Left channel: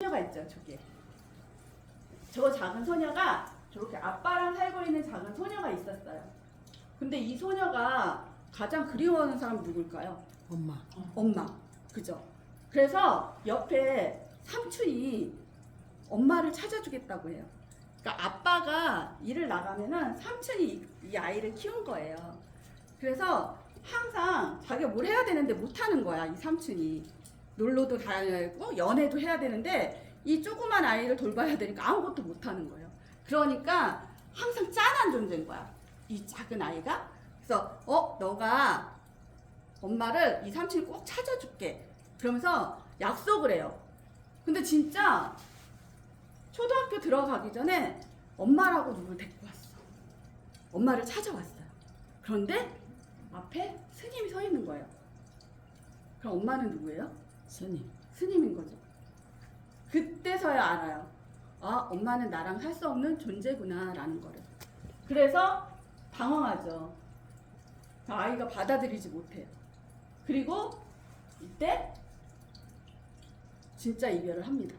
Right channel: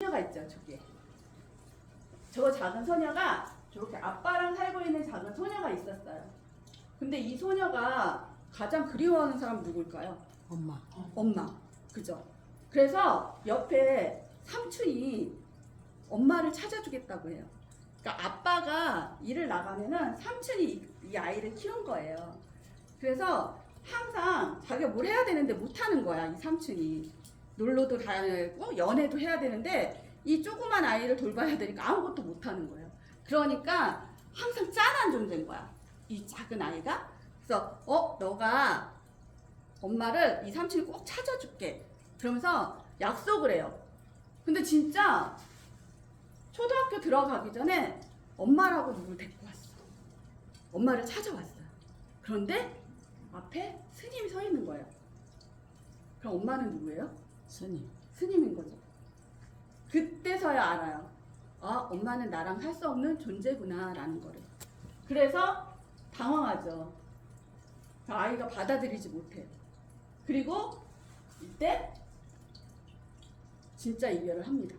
소녀가 있죠, 저기. 저 작은 소녀가 저렇게 아빠랑 살고 있는 작은 소녀가 있었어요. 근데 이 소녀가 가장 그리워하는 사람이 누굴까요? 엄마. 엄마. 그죠? 그래서 옆에 삼촌이 엄마를 찾아주겠다고 해요. 그러니까 아빠가 일을 나가면은 삼촌이 이 아이를 키운 거예요. 그래서 항상 자기가 뭘 해야 되는데 못하는 거야, 이 삼촌이. 놀러도 다녀야 되고 연애도 해야 되는데 이 조그만 아이를 돌봐야 되니까 아무것도 못하는 거예요. 그러니까 항상 짠한 존재인 거야, 이 작은 아이가. 그래서 너가 엄마를 이 삼촌이 꼭 찾아줄게 그러면서 약속을 해요. 근데 진짜 초등학교 들어가기 전에 엄마라고 누굴 데리고 왔어. 엄마를 찾아왔어요. 그런데 앞에 스님이 서 있는 거예요. 그럼 엄마는 누구예요? 스님. 스님인 거죠. 그때서야 알아요. 아, 엄마는 나랑 살 수 없는 존재구나 라는 거를. 그래서 당황하죠. 그 아이가 받아들이지 못해요. 그리고 이때 진짜 이별을 합니다.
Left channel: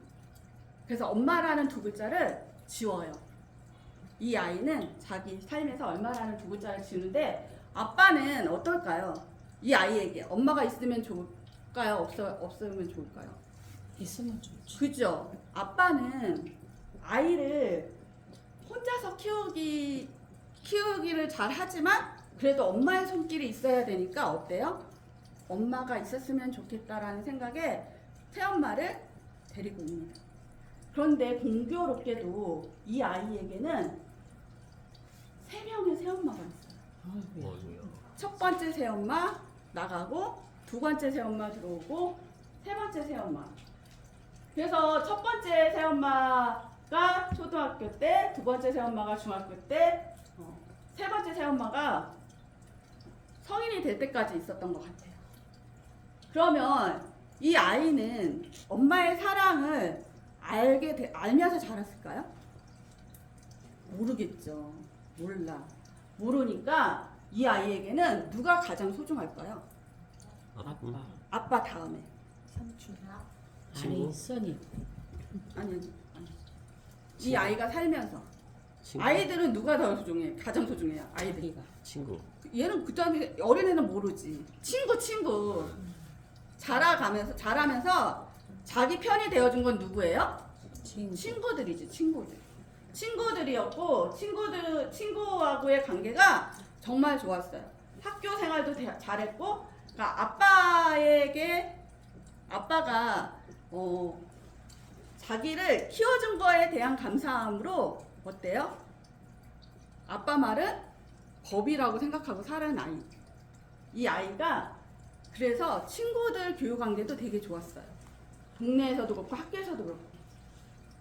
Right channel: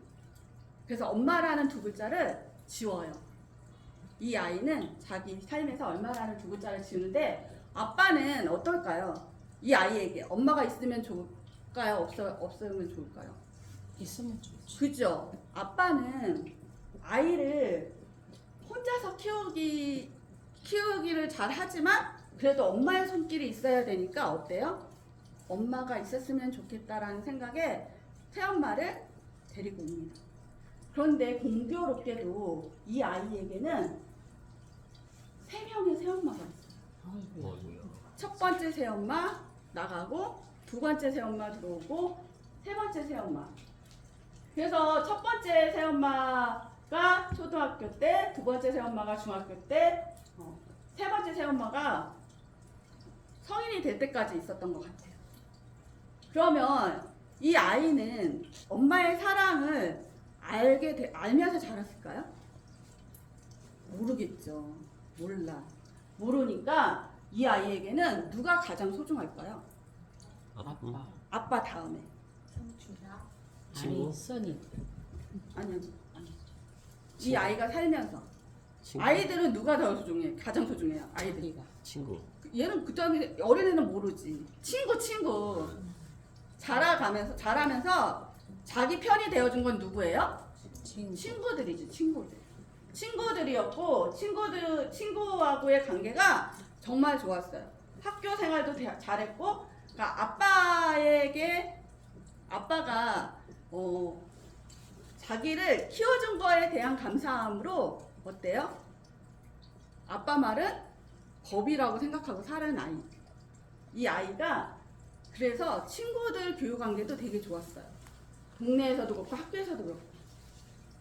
그래서 엄마라는 두 글자를 지워요. 이 아이는 자기 삶에서 엄마라는 두 글자를 지우는데 아빠는 어떨까요? 이 아이에게 엄마가 있으면 좋을까요? 없으면 좋을까요? 있으면 좋지. 그죠? 아빠는 아이를 혼자서 키우기를 잘 하지만 그래도 엄마의 손길이 있어야 되니까 어때요? 엄마가 있었으면 좋겠다라는 생각에 새엄마를 데리고 옵니다. 그런데 공교롭게도 이 아이에게는 3명의 새엄마가 있어요. 아이고야. 첫 번째 새엄마 나가고 두 번째 새엄마 들어오고 세 번째 새엄마. 그래서 첫 번째 새엄마가 초등학교 때, 두 번째 새엄마가 중학교 때, 세 번째 새엄마가 성인이 될 때까지 있었던 것 같아요. 그러면 이 아이는 엄마의 사랑을 알면서 자랐을까요? 모르겠죠. 몰라. 모르니까 이 아이에게는 누가 가장 소중할까요? 아빠. 아빠 다음에. 삼촌아. 아니, 스님. 아니. 이 아이가 살면서. 친구. 아이들은 누가 더 소중해? 가장 소중해요. 아이들. 자기가. 친구. 얘는 그다음에 어린애는 모르지. 친구. 자라면서 자기 편이 되어준 건 누구예요? 친구들이지, 친구들. 친구들이었고 친구하고의 관계가 정말 좋았어요. 학교 생활도 잘했고, 그러니까 아빠가 자기를 키워준 거에 대한 감사함으로 어때요? 아빠 말은 법이라고 생각하고 살은 아이. 이 아이가 그래서 친구들 교육 관계도 되게 좋았어요. 동네에서도 그렇고 학교에서도 그렇고.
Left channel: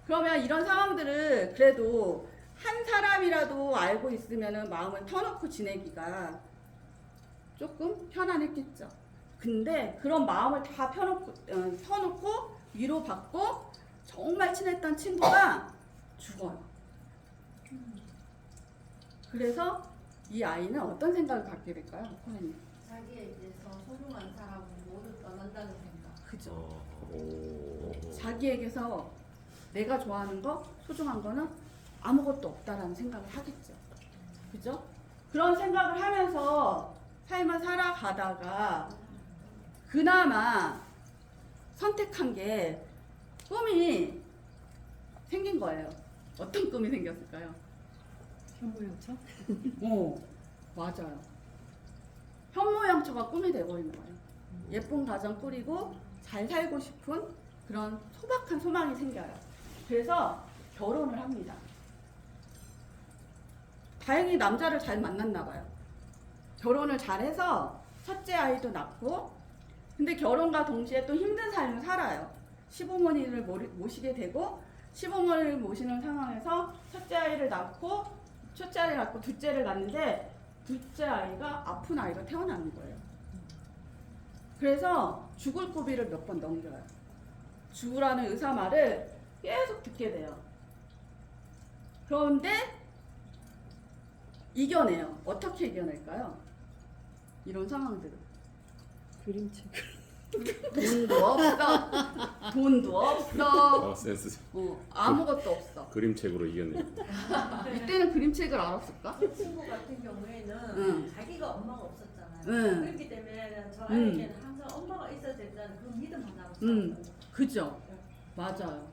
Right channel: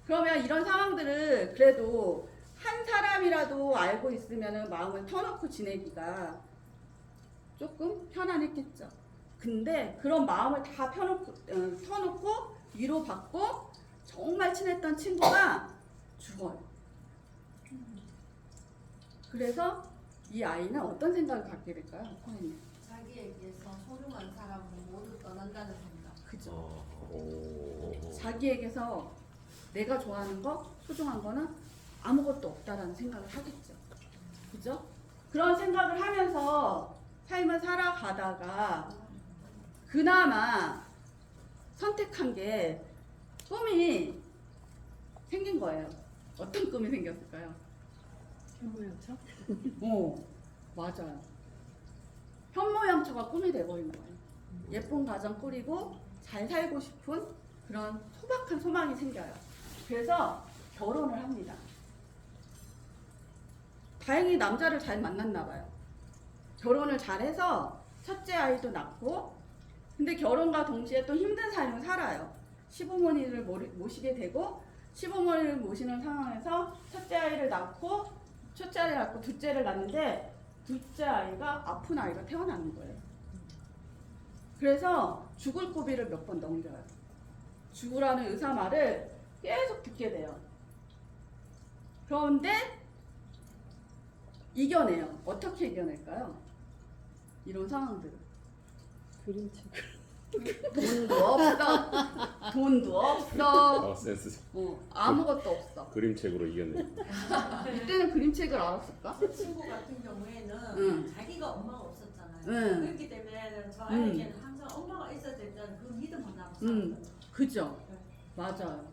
그러면 이런 상황들을 그래도 한 사람이라도 알고 있으면 마음을 터놓고 지내기가 조금 편안했겠죠. 근데 그런 마음을 다 터놓고 위로받고 정말 친했던 친구가 죽어요. 그래서 이 아이는 어떤 생각을 갖게 될까요? 선생님. 자기에게서 소중한 사람은 모두 떠난다는 생각. 그죠? 오. 자기에게서 내가 좋아하는 거, 소중한 거는 아무것도 없다라는 생각을 하겠죠. 그죠? 그런 생각을 하면서 삶을 살아가다가 그나마 선택한 게 꿈이 생긴 거예요. 어떤 꿈이 생겼을까요? 현모양처? 맞아요. 현모양처가 꿈이 돼버린 거예요. 예쁜 가정 꾸리고 잘 살고 싶은 그런 소박한 소망이 생겨요. 그래서 결혼을 합니다. 다행히 남자를 잘 만났나 봐요. 결혼을 잘해서 첫째 아이도 낳고, 근데 결혼과 동시에 또 힘든 삶을 살아요. 시부모님을 모시게 되고, 시부모님을 모시는 상황에서 첫째 아이를 낳고 둘째를 낳는데 둘째 아이가 아픈 아이가 태어나는 거예요. 그래서 죽을 고비를 몇 번 넘겨요. 죽으라는 의사 말을 계속 듣게 돼요. 그런데 이겨내요. 어떻게 이겨낼까요? 이런 상황들을. 그림책. 돈도 없어. 돈도 없어. 센스. 아무것도 없어. 그림책으로 이겼네. 이때는 그림책을 알았을까? 그 친구 같은 경우에는 응. 자기가 엄마가 없었잖아요. 응. 그렇기 때문에 저 아이에게는 항상 엄마가 있어야 된다는 그 믿음 하나로 살았던 거예요. 그죠? 맞아요.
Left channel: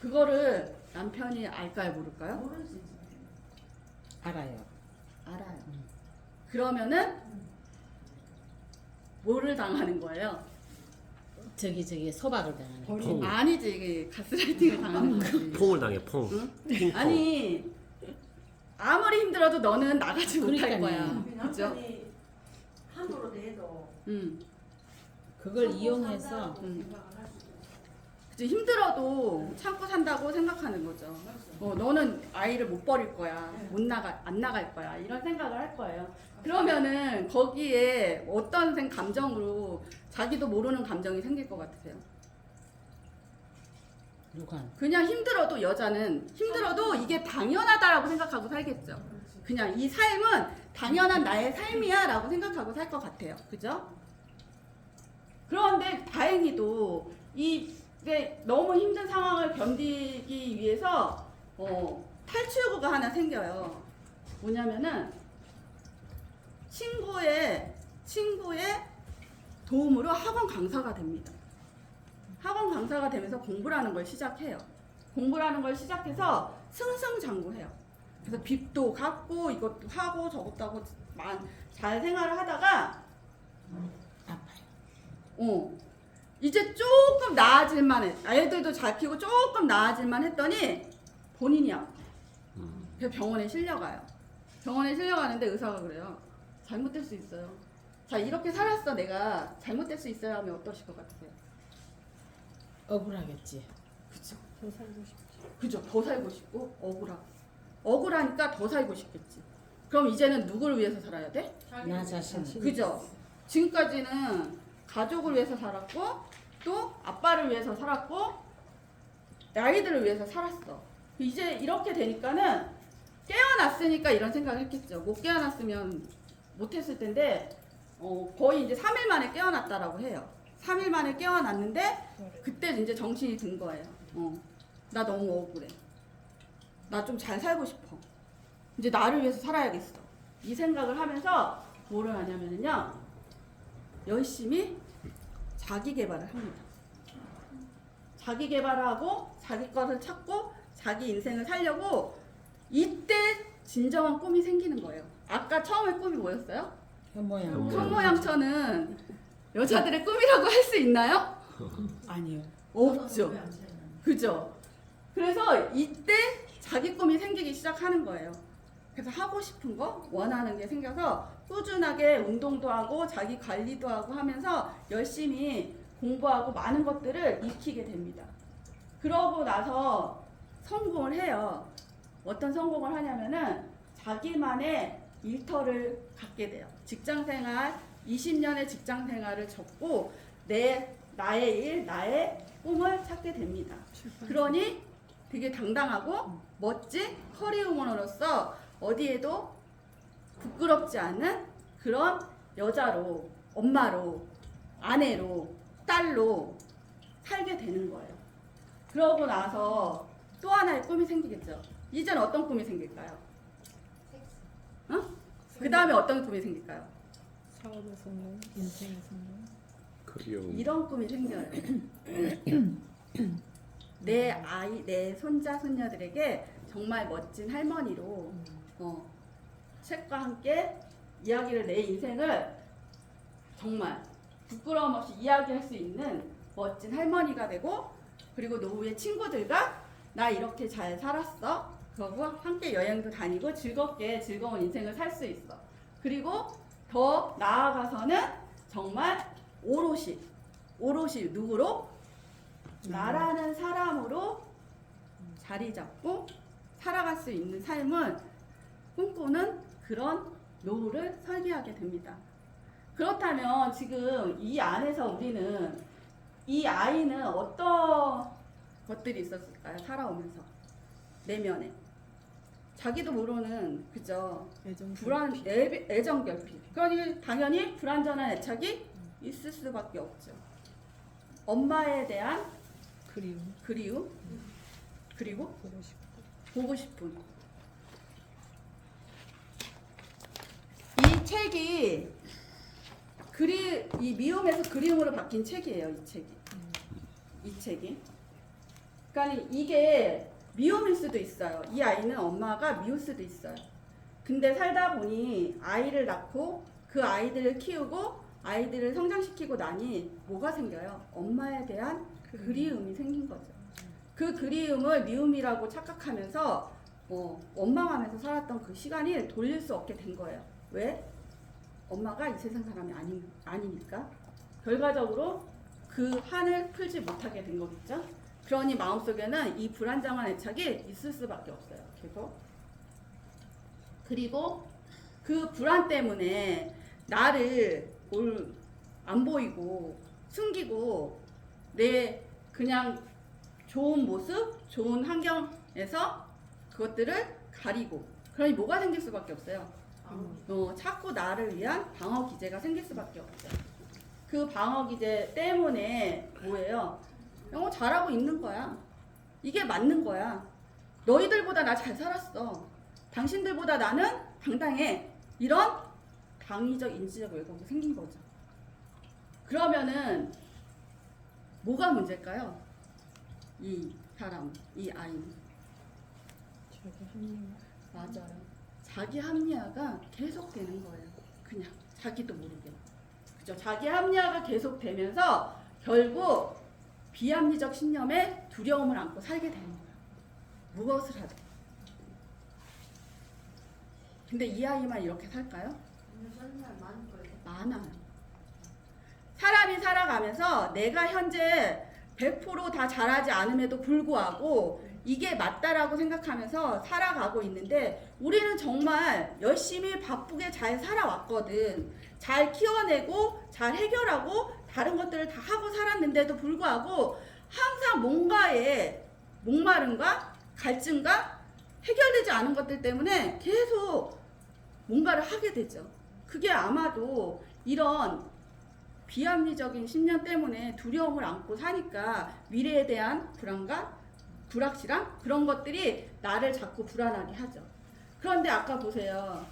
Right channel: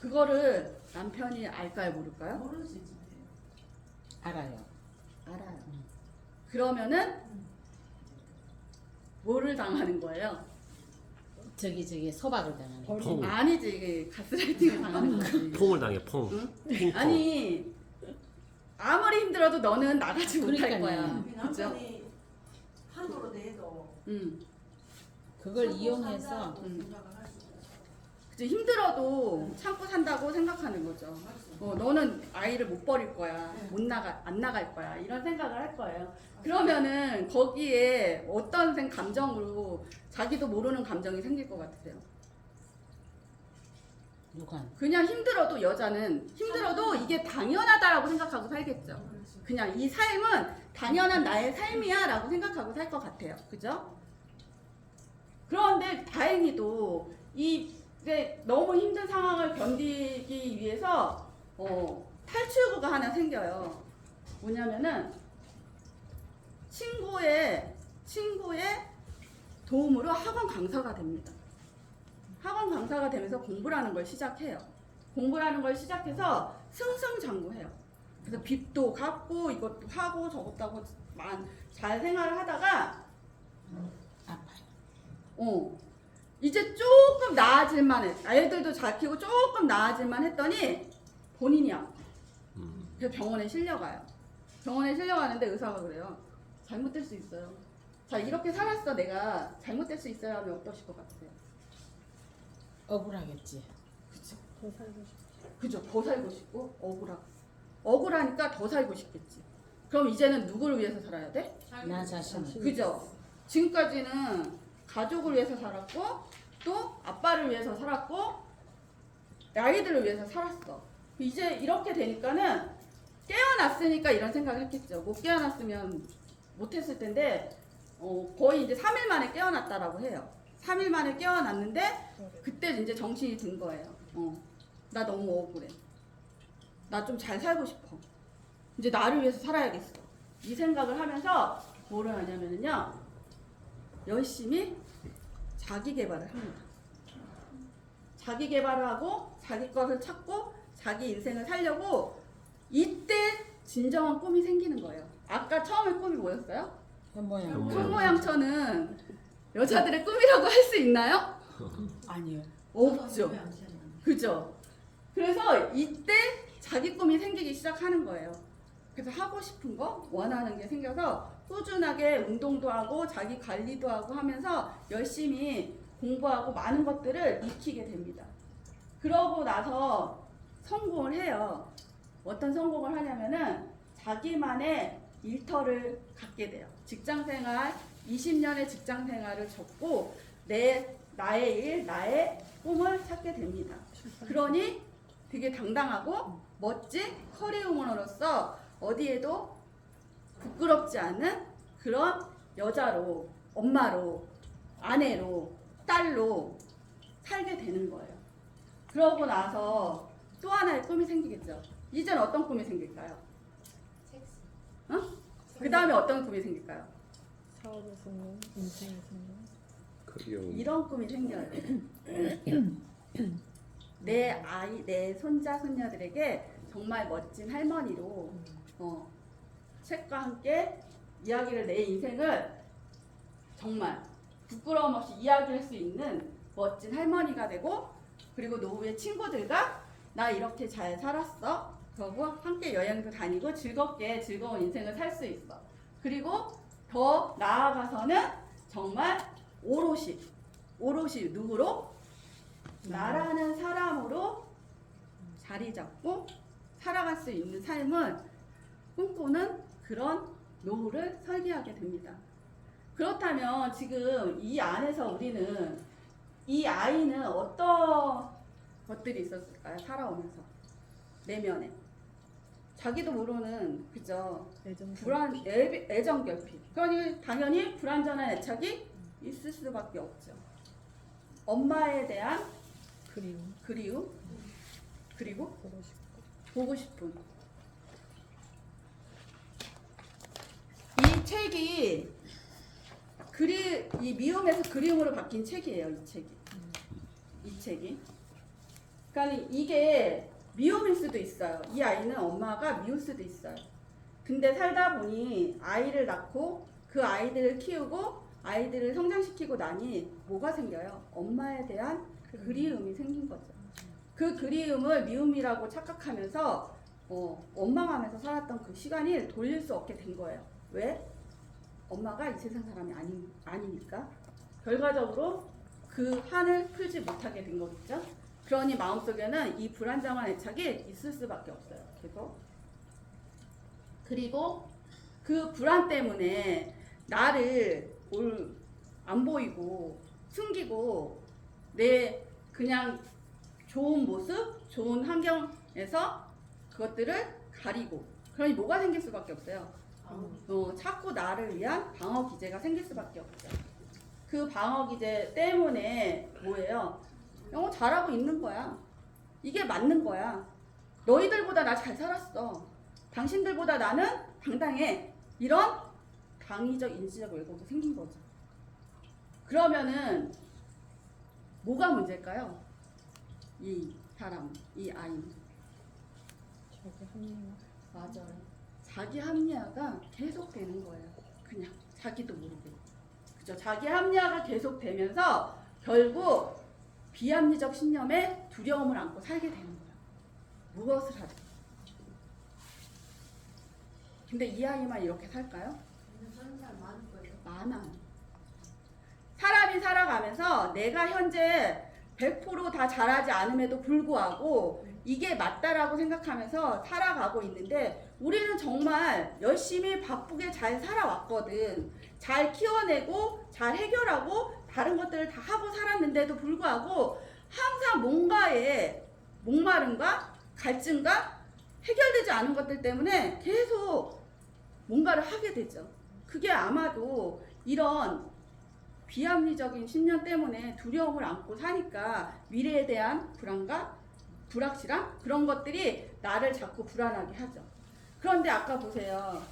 그거를 남편이 알까요, 모를까요? 모르시지. 알아요. 알아요. 그러면은 뭐를 당하는 거예요? 저기 소박을 당하네. 퐁. 아니지, 이게 가스라이팅을 당하는 거지. 퐁을 당해 퐁. 응? 핑퐁. 아니 아무리 힘들어도 너는 나가지 못할 그러니까요. 거야. 우리 그죠? 남편이 한도로 내도 그걸 참고 이용해서 산다고 응. 생각을 할 수 있어요. 그치, 힘들어도 참고 산다고 생각하는 거죠. 너는 아이를 못 버릴 거야. 네. 안 나갈 거야. 이런 생각을 할 거예요. 그러면은 거기에 어떤 감정으로 자기도 모르는 감정이 생길 것 같으세요? 누가 그냥 힘들어도 여자는 힘들어도 이게 당연하다라고 생각하고 살겠죠. 그렇지. 그냥 이 삶은 당연한 나의 삶이야라고 생각하고 살 것 같아요. 그죠? 그런데 다행히도 이게 너무 힘든 상황을 견디기 위해서 탈출구가 하나 생겨요. 뭐냐면은 친구의 도움으로 학원 강사가 됩니다. 학원 강사가 되면서 공부라는 걸 시작해요. 공부라는 걸 시작해서 승승장구해요. 그래서 빚도 갚고 이것도 하고 저것도 하고 잘 생활을 하다가 아파요. 이제 조금 나아질만 해. 애들도 잘 키우고 조금 나아질만 했더니 본인이 아파요. 그래서 병원에 실려가요. 병원에 실려가는데 의사가 그래요. 잘못될 수 있어요. 자, 이렇게 살았어. 내가 잘못될 수 있어요 하면 어떠실 것 같으세요? 억울하겠지. 그쵸. 그죠. 더 살고 싶고 억울하고. 억울하니까 더 살고 싶겠지. 그럼 이제는 누구를 위해서 살아야 돼? 나 자신을. 그죠. 지금까지는 가족을 위해서 살았고 또 아빠를 위해서 살았고 아이들을 위해서 살았어. 이제 이렇게 되니까는 깨어났으니까 이런 생각을 했겠죠. 못 깨어났으면 못했을 텐데 거의 이제 3일 만에 깨어났다라고 해요. 3일 만에 깨어났는데 그때 이제 정신이 든 거예요. 나 너무 억울해. 나 좀 잘 살고 싶어. 이제 나를 위해서 살아야겠어. 이 생각을 하면서 뭐를 하냐면요. 열심히 자기 개발을 합니다. 자기 개발을 하고 자기 것을 찾고 자기 인생을 살려고 이때 진정한 꿈이 생기는 거예요. 아까 처음에 꿈이 뭐였어요? 현모양. 현모양처는 여자들의 꿈이라고 할 수 있나요? 아니요. 없죠. 그죠? 그래서 이때 자기 꿈이 생기기 시작하는 거예요. 그래서 하고 싶은 거, 원하는 게 생겨서 꾸준하게 운동도 하고 자기 관리도 하고 하면서 열심히 공부하고 많은 것들을 익히게 됩니다. 그러고 나서 성공을 해요. 어떤 성공을 하냐면은 자기만의 일터를 갖게 돼요. 직장생활, 20년의 직장생활을 접고 나의 일, 나의 꿈을 찾게 됩니다. 그러니 되게 당당하고 멋진 커리어우먼으로서 어디에도 부끄럽지 않은 그런 여자로, 엄마로, 아내로, 딸로 살게 되는 거예요. 그러고 나서 또 하나의 꿈이 생기겠죠. 이제는 어떤 꿈이 생길까요? 그 다음에 어떤 꿈이 생길까요? 사업의 성공, 인생의 성공. 그리워. 이런 꿈이 생겨요. 내 아이, 내 손자, 손녀들에게 정말 멋진 할머니로 책과 함께 이야기를 내 인생을 정말 부끄러움 없이 이야기할 수 있는 멋진 할머니가 되고 그리고 노후의 친구들과 나 이렇게 잘 살았어. 그러고 함께 여행도 다니고 즐겁게 즐거운 인생을 살 수 있어. 그리고 더 나아가서는 정말 오롯이 누구로? 나라는 사람으로 자리 잡고 살아갈 수 있는 삶을 꿈꾸는 그런 노후를 설계하게 됩니다. 그렇다면 지금 이 안에서 우리는 이 아이는 어떤 것들이 있었을까요? 살아오면서 내면에 자기도 모르는 그죠? 애정 결핍. 그러니 당연히 불완전한 애착이 있을 수밖에 없죠. 엄마에 대한 그리움. 그리움, 그리고 보고 싶고. 보고 싶음. 이 책이 이 미움에서 그리움으로 바뀐 책이에요. 이 책이. 그러니까 이게 미움일 수도 있어요. 이 아이는 엄마가 미울 수도 있어요. 근데 살다 보니 아이를 낳고 그 아이들을 키우고 아이들을 성장시키고 나니 뭐가 생겨요? 엄마에 대한 그리움이 생긴 거죠. 그 그리움을 미움이라고 착각하면서 원망하면서 살았던 그 시간이 돌릴 수 없게 된 거예요. 왜? 엄마가 이 세상 사람이 아니니까. 결과적으로 그 한을 풀지 못하게 된 거겠죠. 그러니 마음속에는 이 불안정한 애착이 있을 수밖에 없어요. 계속. 그리고 그 불안 때문에 나를 안 보이고 숨기고 내 그냥 좋은 모습, 좋은 환경에서 그것들을 가리고, 그러니 뭐가 생길 수밖에 없어요. 자꾸 나를 위한 방어 기제가 생길 수밖에 없죠. 그 방어 기제 때문에 뭐예요? 잘하고 있는 거야. 이게 맞는 거야. 너희들보다 나 잘 살았어. 당신들보다 나는 당당해. 이런 당위적 인지적 왜곡이 생긴 거죠. 그러면은 뭐가 문제일까요? 이 사람, 이 아이는. 자기 합리화. 맞아요. 자기 합리화가 계속되는 거예요. 그냥 자기도 모르게. 그죠? 자기 합리화가 계속되면서 결국 비합리적 신념에 두려움을 안고 살게 되는 거예요. 무엇을 하든. 근데 이 아이만 이렇게 살까요? 저는 잘 많을 거예요. 많아요. 사람이 살아가면서 내가 현재 100% 잘하지 않음에도 불구하고 이게 맞다라고 생각하면서 살아가고 있는데 우리는 정말 열심히 바쁘게 잘 살아왔거든. 잘 키워내고 잘 해결하고 다른 것들을 다 하고 살았는데도 불구하고 항상 뭔가의 목마름과 갈증과 해결되지 않은 것들 때문에 계속 뭔가를 하게 되죠. 그게 아마도 이런 비합리적인 신념 때문에 두려움을 안고 사니까 미래에 대한 불안과 불확실함 그런 것들이 나를 자꾸 불안하게 하죠. 그런데 아까 보세요.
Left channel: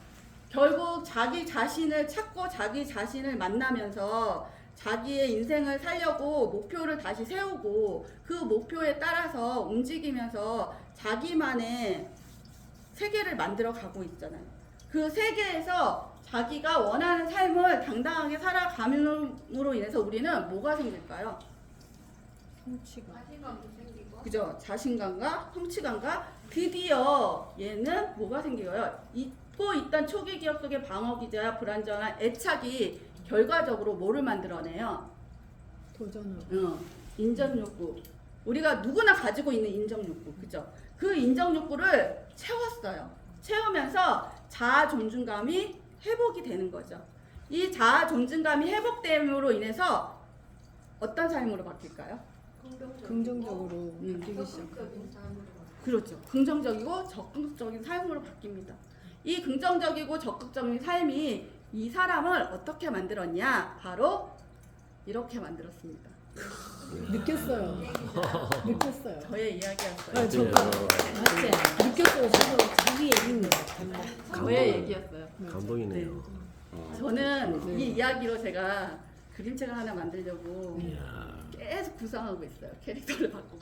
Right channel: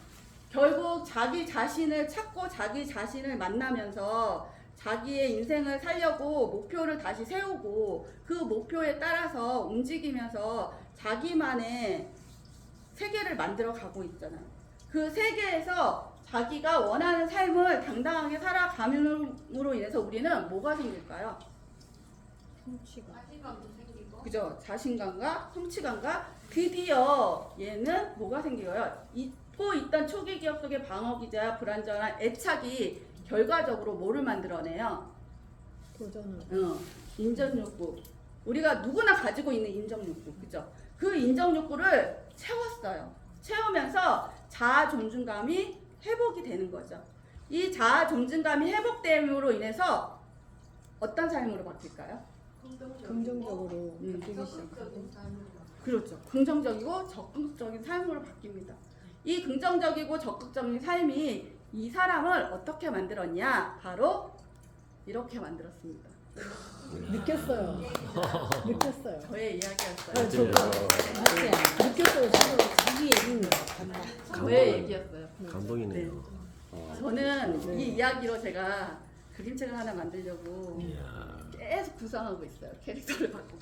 결국 자기 자신을 찾고 자기 자신을 만나면서 자기의 인생을 살려고 목표를 다시 세우고 그 목표에 따라서 움직이면서 자기만의 세계를 만들어 가고 있잖아요. 그 세계에서 자기가 원하는 삶을 당당하게 살아감으로 인해서 우리는 뭐가 생길까요? 성취감. 자신감도 생기고. 그죠? 자신감과 성취감과 드디어 얘는 뭐가 생겨요? 잊고 있던 초기 기억 속의 방어 기제와 불안정한 애착이 결과적으로 뭐를 만들어내요? 도전을. 인정 욕구. 우리가 누구나 가지고 있는 인정 욕구, 그죠? 그 인정 욕구를 채웠어요. 채우면서 자아 존중감이 회복이 되는 거죠. 이 자아 존중감이 회복됨으로 인해서 어떤 삶으로 바뀔까요? 긍정적으로 바뀌기 시작해요. 적극적인 삶으로. 그렇죠. 긍정적이고 적극적인 삶으로 바뀝니다. 이 긍정적이고 적극적인 삶이 이 사람을 어떻게 만들었냐? 바로 이렇게 만들었습니다. 느꼈어요. 느꼈어요. 저의 이야기였어요. 네, 저도 맞지? 느꼈어요. 저도 자기 얘기인 것 같다. 저의 얘기였어요. 감동이네요. 저는 이 이야기로 제가 그림책을 하나 만들려고 이야. 계속 구상하고 있어요. 캐릭터를 바꾸고.